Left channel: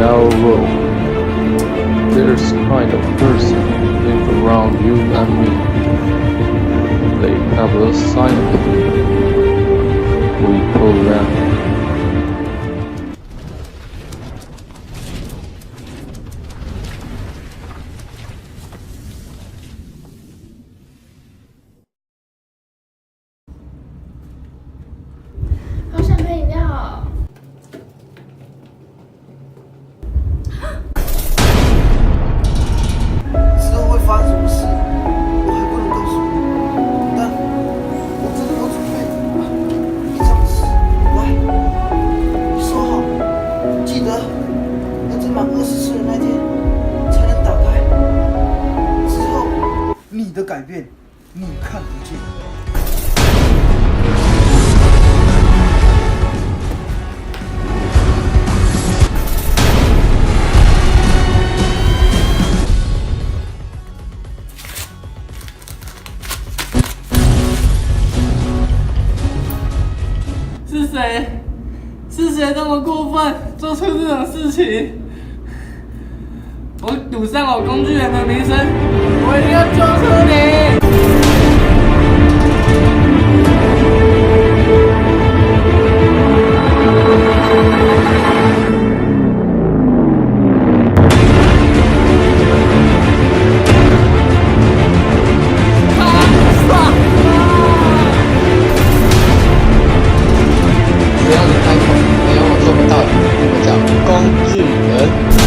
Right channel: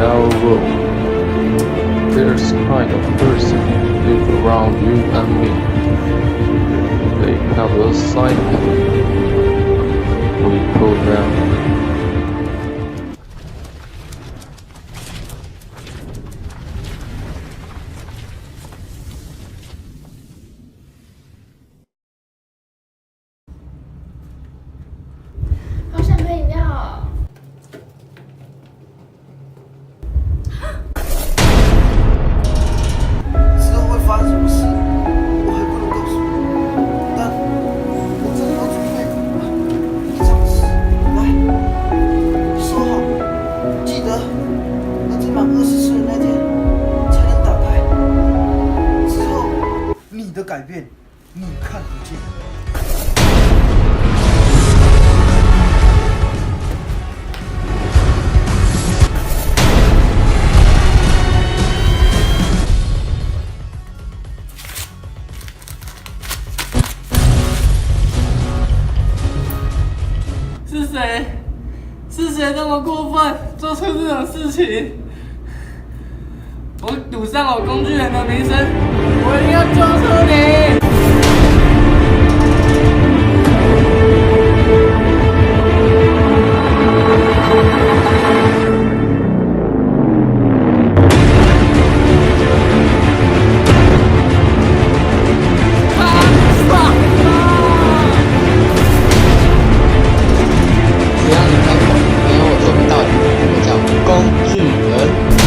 our world, there's kind of person live around you and me. They have a science. We call them. 好想喝饮料。之后会发生什么事，我还不能告诉你，但我这里有准备一张纸，来，你收好，记得要在满20岁的那天才能打开。之后，你的改变，你看不见。是谁？是谁这么过分，做出这种事情？我赌上我工具人的名声，我一定要救出你！只要你开口，没有我做不到的。我叫工具人。